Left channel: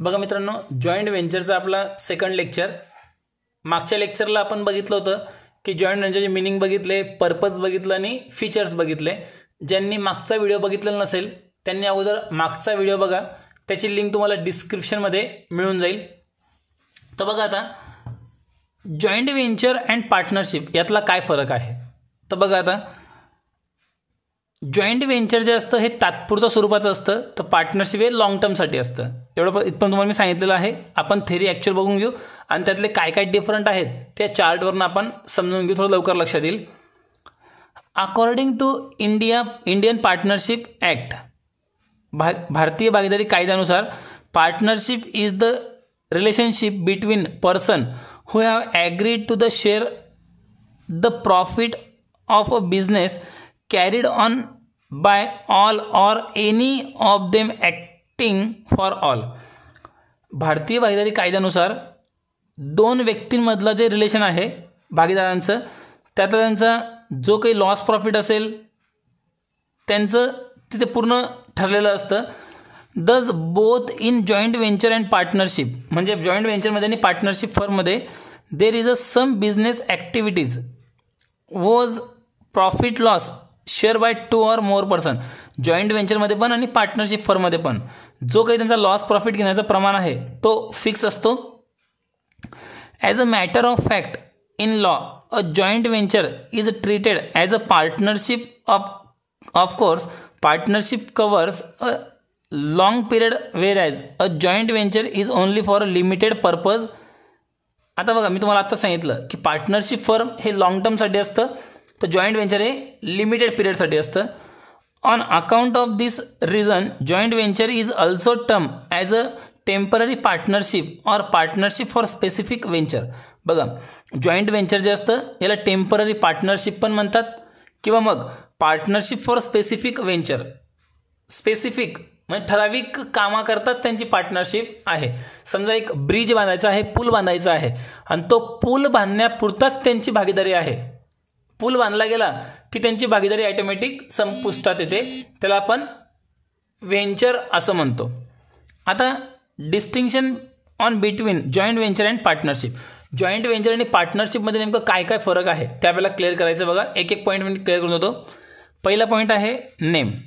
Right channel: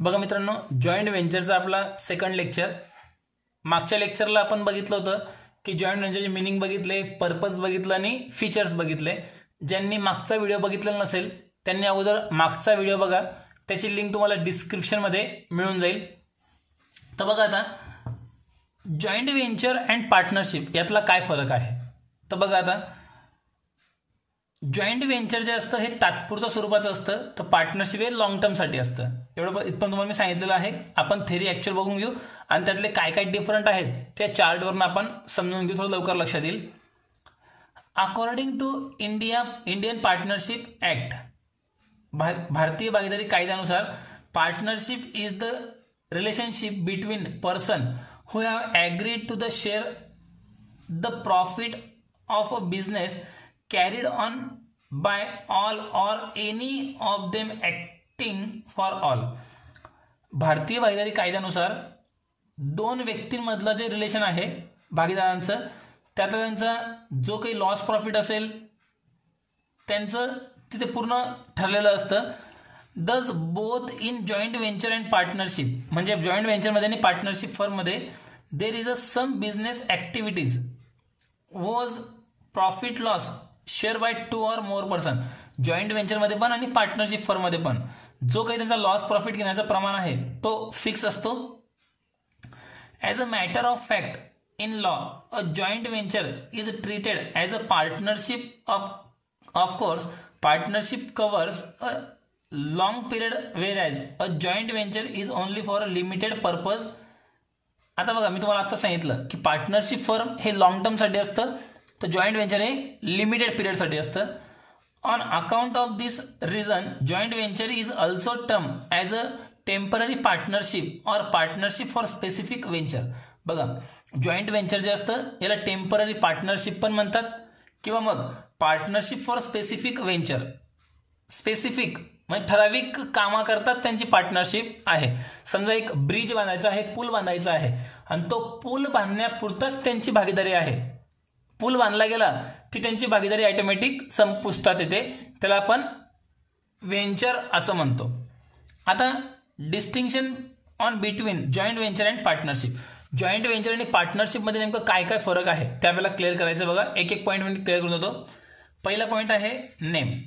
बघा मित्रांनो, जॉइंट व्हेंचरचा आपला सेकंड लेक्चर. मागच्या लेक्चरला आपण बघितलं होतं की जॉइंट व्हेंचरचे मीनिंग बघितले, पर्पज बघितलं आणि फीचर्स बघितले. ज्यांनी मागचा व्हिडिओ बघितलेला नसेल त्यांनी अगोदर मागचा व्हिडिओ बघा, त्याची लिंक तुम्हाला डिस्क्रिप्शनमध्ये मिळून जाईल. तर बघा आता जॉइंट व्हेंचर अँड पार्टनरशिप यातला काय फरक आहे. तर बघा आता जॉइंट व्हेंचर जे असतं हे तात्पुरत्या स्वरूपाचं असतं, तर पार्टनरशिप हे लॉंग टर्मसाठी असतं. एवढं इथपर्यंत तुम्हाला मी सांगितलेलं आहे. आपण थेरी ॲक्च्युअल बघून घेऊ आणि त्यातले काय काय डिफरंट आहेत त्या चार्टवरून आपण समजून घेऊ, थोडं लवकर लक्षात येईल. According to Indian Partnership Act, भारतीय भागीदारी कायद्यानुसार partnership is the relationship between person who have agreed to the share the profit of a business carried on by all or any of them acting for all. भारतीय भागीदारी कायद्यानुसार दोन व्यक्तींमधलं जे relation आहे भागीदारांचं, त्यात त्यांचा जो काही लॉस प्रॉफिट असेल त्यांचं तिथे पूर्ण ठरलेलं असतं. Thus both in joint venture and partnership, म्हणजे जॉईंट व्हेंचरमध्ये आणि पार्टनरशिप फर्ममध्ये there is a sum business activities was profit loss share by 2 or more person. Joint व्हेंचरमध्ये पण आणि पार्टनरशिप फर्ममध्ये पण जो काही त्यांचा लॉस प्रॉफिट घेण्याचं प्रमाण आहे तो फिक्स असतो. As a matter of fact in law a joint venture is treated as a partnership. Of course partnership covers a long period wear as a joint venture is only for a limited purpose. आता बघा, मी तुम्हाला आता सांगितलं की partnership firm हे long टर्मसाठी असतं, तर जॉईंट व्हेंचर हे लिमिटेड पिरियडसाठी असतं. On account of this reason joint venture is also term as a temporary partnership or partnership for specific venture. बघा, जॉईंट व्हेंचर जे असतं याला टेम्पररी पार्टनरशिप पण म्हणतात किंवा मग partnership for specific venture. Specific म्हणजे ठराविक कामाकरताच त्यांची पार्टनरशिप आहे. समजा एक ब्रिज बांधायचा आहे, पूल बांधायचा आहे आणि तो पूल बांधण्यापुरताच त्यांची भागीदारी आहे. पूल बांधला गेला की त्यांची भागीदारी ऑटोमॅटिक संपुष्टात येते, त्याला आपण व्हेंचर असं म्हणतो. आता distinction on between joint venture and partnership. Joint venture आणि पार्टनरशिपमध्ये नेमकं काय काय फरक आहे ते आपल्याला क्लिअर करायचं. बघा, एक एक पॉईंट मी क्लिअर करून देतो. पहिला पॉईंट आहे नेम.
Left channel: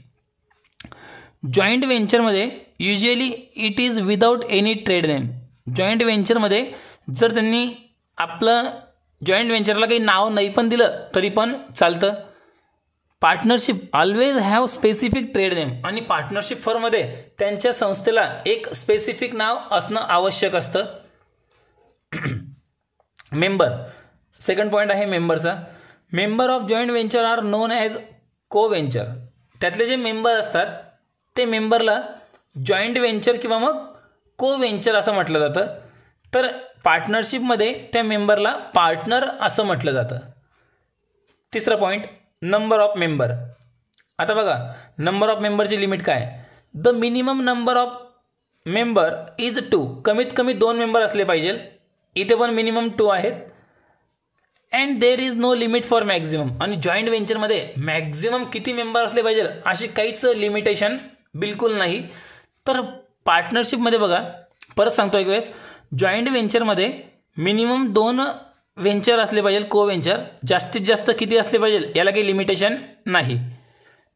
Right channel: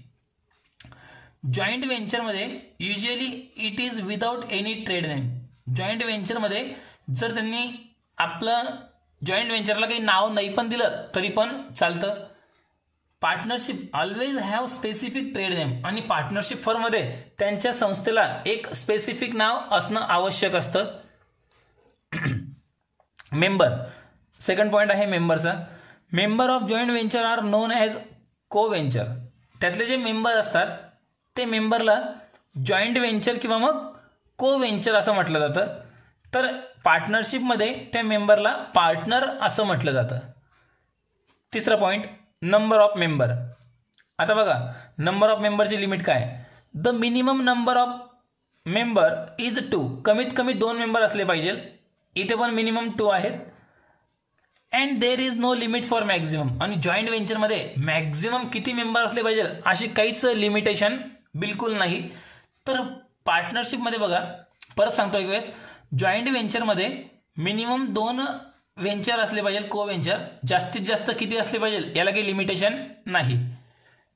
जॉईंट व्हेंचरमध्ये usually it is without any trade name. Joint व्हेंचरमध्ये जर त्यांनी आपलं जॉईंट व्हेंचरला काही नाव नाही पण दिलं तरी पण चालतं. Partnership always have specific trade name, आणि पार्टनरशिप फर्ममध्ये त्यांच्या संस्थेला एक स्पेसिफिक नाव असणं आवश्यक असतं. मेंबर, सेकंड पॉईंट आहे मेंबरचा. Member of joint venture are known as co venture. त्यातले जे मेंबर असतात ते मेंबरला जॉईंट व्हेंचर किंवा मग को व्हेंचर असं म्हटलं जातं. तर पार्टनरशिपमध्ये त्या मेंबरला पार्टनर असं म्हटलं जातं. तिसरा पॉईंट, नंबर ऑफ मेंबर. आता बघा, नंबर ऑफ मेंबरची लिमिट काय. The minimum number of member is 2. कमीत कमी 2 मेंबर असले पाहिजे. इथे पण मिनिमम 2 आहेत. And there is no limit for maximum. आणि जॉईंट व्हेंचरमध्ये मॅक्झिमम किती मेंबर असले पाहिजे अशी काहीच लिमिटेशन बिलकुल नाही. तर पार्टनरशिपमध्ये बघा, परत सांगतो एक वेळेस, जॉईंट व्हेंचरमध्ये मिनिमम 2 व्हेंचर असले पाहिजे, को व्हेंचर. जास्तीत जास्त किती असले पाहिजे याला काही लिमिटेशन नाही.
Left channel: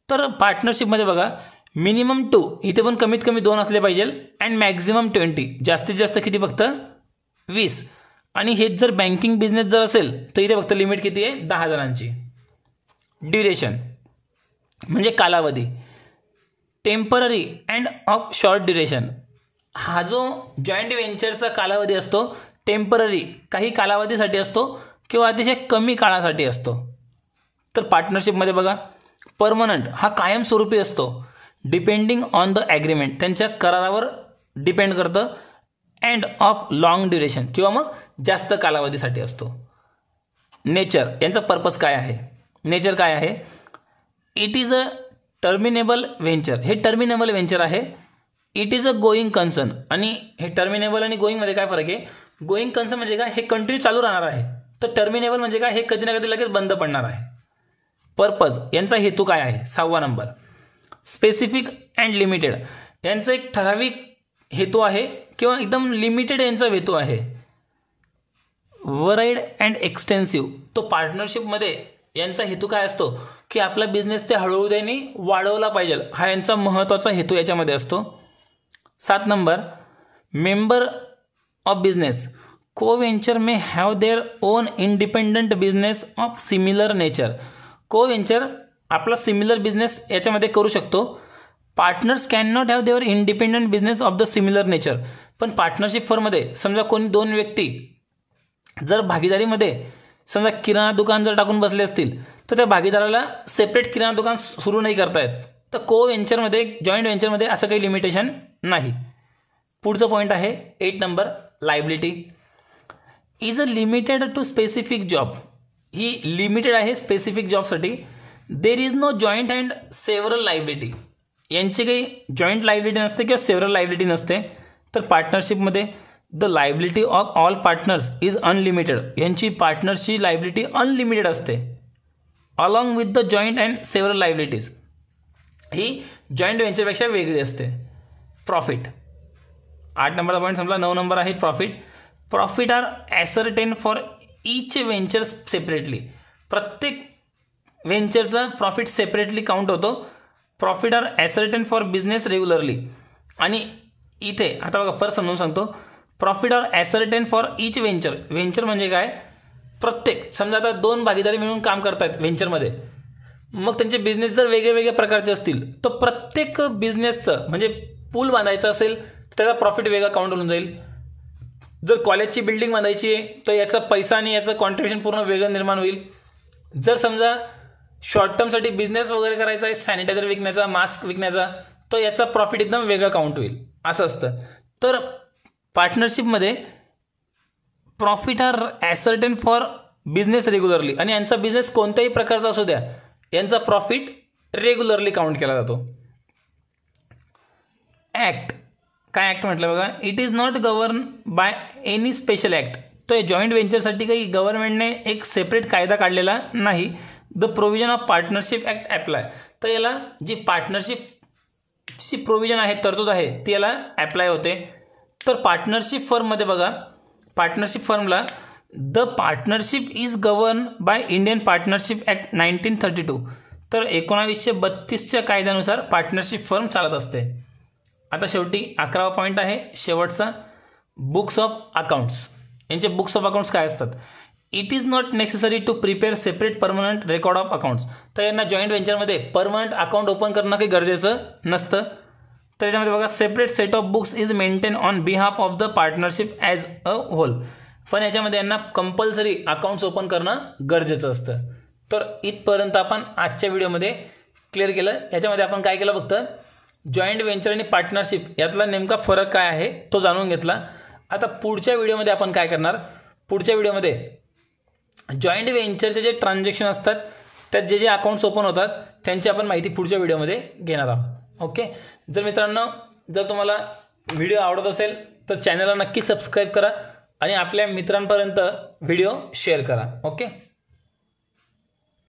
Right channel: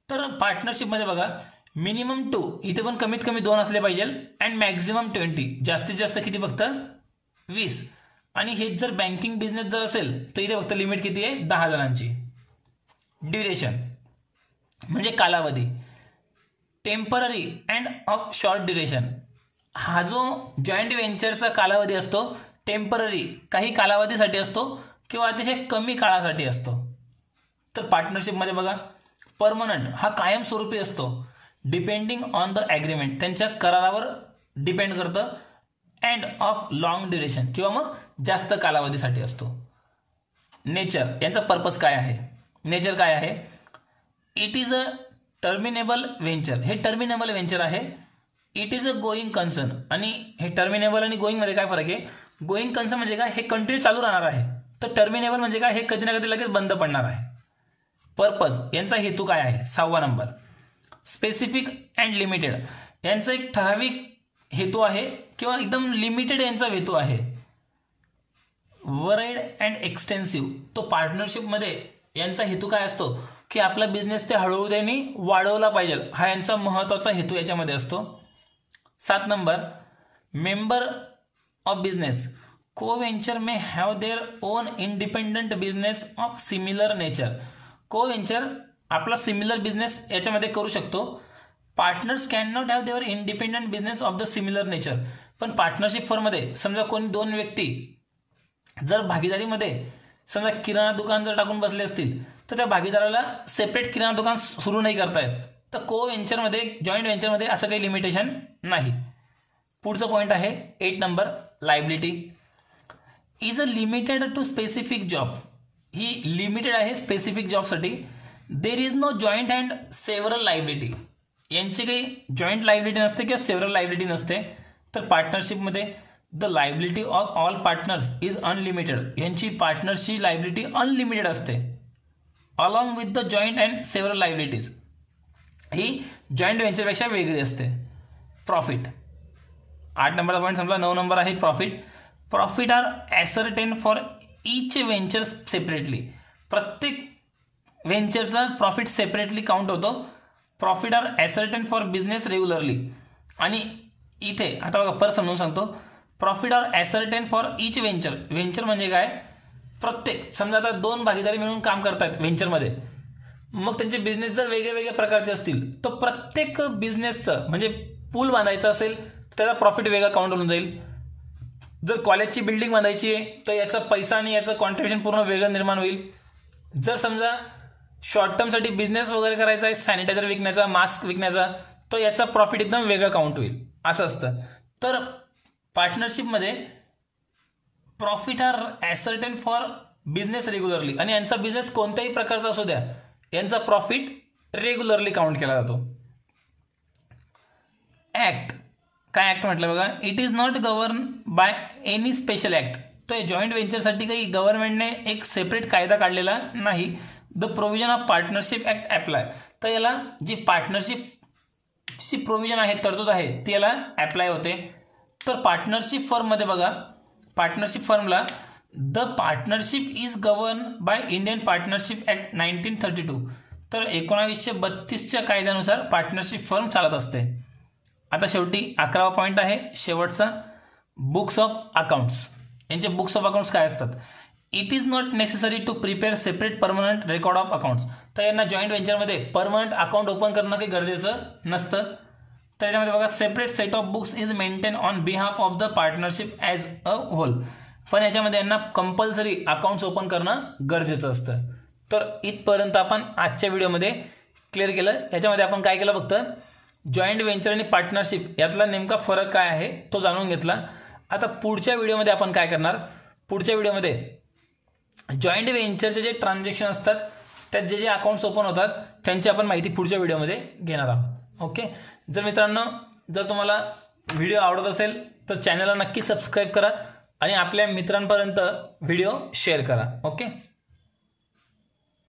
तर पार्टनरशिपमध्ये बघा, मिनिमम 2, इथे पण कमीत कमी 2 असले पाहिजे. अँड मॅक्झिमम 20, जास्तीत जास्त किती फक्त 20. आणि हेच जर बँकिंग बिझनेस जर असेल तर इथे फक्त लिमिट किती आहे, 10 जणांची. ड्युरेशन म्हणजे कालावधी. Temporary and of short duration. हा जो जॉईंट व्हेंचरचा कालावधी असतो टेम्पररी, काही कालावधीसाठी असतो किंवा अतिशय कमी काळासाठी असतो. तर पार्टनरशिपमध्ये बघा, परमनंट हा कायमस्वरूपी असतो. डिपेंडिंग ऑन द ॲग्रीमेंट, त्यांच्या करारावर डिपेंड करतं. अँड ऑफ लॉंग ड्युरेशन किंवा मग जास्त कालावधीसाठी असतो. नेचर, यांचा पर्पज काय आहे. नेचर काय आहे. It is a terminable venture. हे टर्मिनेबल व्हेंचर आहे. It is a going concern. आणि हे टर्मिनेबल आणि गोईंगमध्ये काय फरक आहे. गोईंग कन्सर्न म्हणजे काय, हे कंटिन्यू चालू राहणार आहे. तर टर्मिनेबल म्हणजे काय, हे कधी ना कधी लगेच बंद पडणार आहे. पर्पज, यांचा हेतू काय आहे. 6वा नंबर, स्पेसिफिक अँड लिमिटेड. यांचं एक ठराविक हेतू आहे किंवा एकदम लिमिटेड यांचा हेतू आहे. व्हराइड अँड एक्सटेन्सिव्ह, तो पार्टनरशिपमध्ये यांचा हेतू काय असतो की आपला बिझनेस ते हळूहळू त्यांनी वाढवला पाहिजे, हा यांचा महत्त्वाचा हेतू याच्यामध्ये असतो. 7 नंबर, मेंबर ऑफ बिझनेस को venture may have their own independent business of similar nature. को व्हेंचर आपला सिमिलर बिझनेस याच्यामध्ये करू शकतो. Partners can not have there independent business of the similar nature. पण पार्टनरशिप फर्ममध्ये समजा कोणी 2 व्यक्ती जर भागीदारीमध्ये समजा किराणा दुकान जर टाकून बसले असतील तर त्या भागीदाराला सेपरेट किराणा दुकान सुरू नाही करता येत. तर को व्हेंचरमध्ये, जॉईंट व्हेंचरमध्ये असं काही लिमिटेशन नाही. पुढचं पॉईंट आहे 8 number, liability is a limited to specific job. ही लिमिटेड आहे स्पेसिफिक जॉबसाठी. There is no joint and several liability. यांची काही जॉईंट लायबिलिटी नसते किंवा सेव्हरल लायबिलिटी नसते. तर पार्टनरशिपमध्ये the liability of all partners is unlimited. यांची पार्टनरची लायबिलिटी अनलिमिटेड असते along with the joint and several liabilities. ही जॉईंट व्हेंचरपेक्षा वेगळी असते. प्रॉफिट 8 नंबरचा पॉईंट संपला. 9 नंबर आहे profit. Profit are ascertain for each venture separately. प्रत्येक व्हेंचरचा प्रॉफिट सेपरेटली काउंट होतो. Profit are ascertain for business regularly. आणि इथे आता बघा परत समजून सांगतो. Profit are ascertain for each venture. Venture म्हणजे काय, प्रत्येक समजा आता 2 भागीदारी मिळून काम करतायत व्हेंचरमध्ये, मग त्यांचे बिझनेस जर वेगळे वेगळ्या प्रकारचे असतील तर प्रत्येक बिझनेसचं म्हणजे पूल बांधायचं असेल तर त्याचा प्रॉफिट वेगळा काउंट होऊन जाईल. जर कॉलेजची बिल्डिंग बांधायची आहे तर याचा पैसा आणि याचं कॉन्ट्रिब्युशन पूर्ण वेगळं निर्माण होईल. जर समजा शॉर्ट टर्मसाठी बिझनेस वगैरे करायचा आहे, सॅनिटायझर विकण्याचा, मास्क विकण्याचा, तर याचा प्रॉफिट एकदम वेगळं काउंट होईल, असं असतं. तर पार्टनरशिपमध्ये profit are ascertain for business regularly. आणि यांचा बिझनेस कोणत्याही प्रकारचा असू द्या, यांचा प्रॉफिट रेग्युलरली काउंट केला जातो. ॲक्ट, काय ॲक्ट म्हटलं बघा, it is not govern by any special act. तर जॉईंट व्हेंचरसाठी काही गव्हर्नमेंटने एक सेपरेट कायदा काढलेला नाही. The provision of partnership act apply. तर याला जी पार्टनरशिपची प्रोव्हिजन आहे, तरतूद आहे, ती याला ॲप्लाय होते. तर पार्टनरशिप फर्ममध्ये बघा, पार्टनरशिप फर्मला the partnership is govern by Indian Partnership act 1932. तर 1932च्या कायद्यानुसार पार्टनरशिप फर्म चालत असते. आता शेवटी 11वा पॉईंट आहे शेवटचा, बुक्स ऑफ अकाउंट्स. यांचे बुक्स ऑफ अकाउंट्स काय असतात. It is not necessary to prepare separate permanent record of accounts. तर यांना जॉईंट व्हेंचरमध्ये परमनंट अकाउंट ओपन करणं काही गरजेचं नसतं. तर याच्यामध्ये बघा, separate set of books is maintain on behalf of the partnership as a whole. पण याच्यामध्ये यांना कंपल्सरी अकाउंट्स ओपन करणं गरजेचं असतं. तर इथपर्यंत आपण आजच्या व्हिडिओमध्ये क्लिअर केलं. याच्यामध्ये आपण काय केलं, फक्त जॉईंट व्हेंचर आणि पार्टनरशिप यातला नेमका फरक काय आहे तो जाणून घेतला. आता पुढच्या व्हिडिओमध्ये आपण काय करणार, पुढच्या व्हिडिओमध्ये जॉईंट व्हेंचरचे जे ट्रान्झॅक्शन असतात त्यात जे जे अकाउंट्स ओपन होतात त्यांची आपण माहिती पुढच्या व्हिडिओमध्ये घेणार आहोत. ओके. जर मित्रांनो, जर तुम्हाला व्हिडिओ आवडत असेल तर चॅनलला नक्की सबस्क्राईब करा आणि आपल्या मित्रांपर्यंत व्हिडिओ शेअर करा. ओके.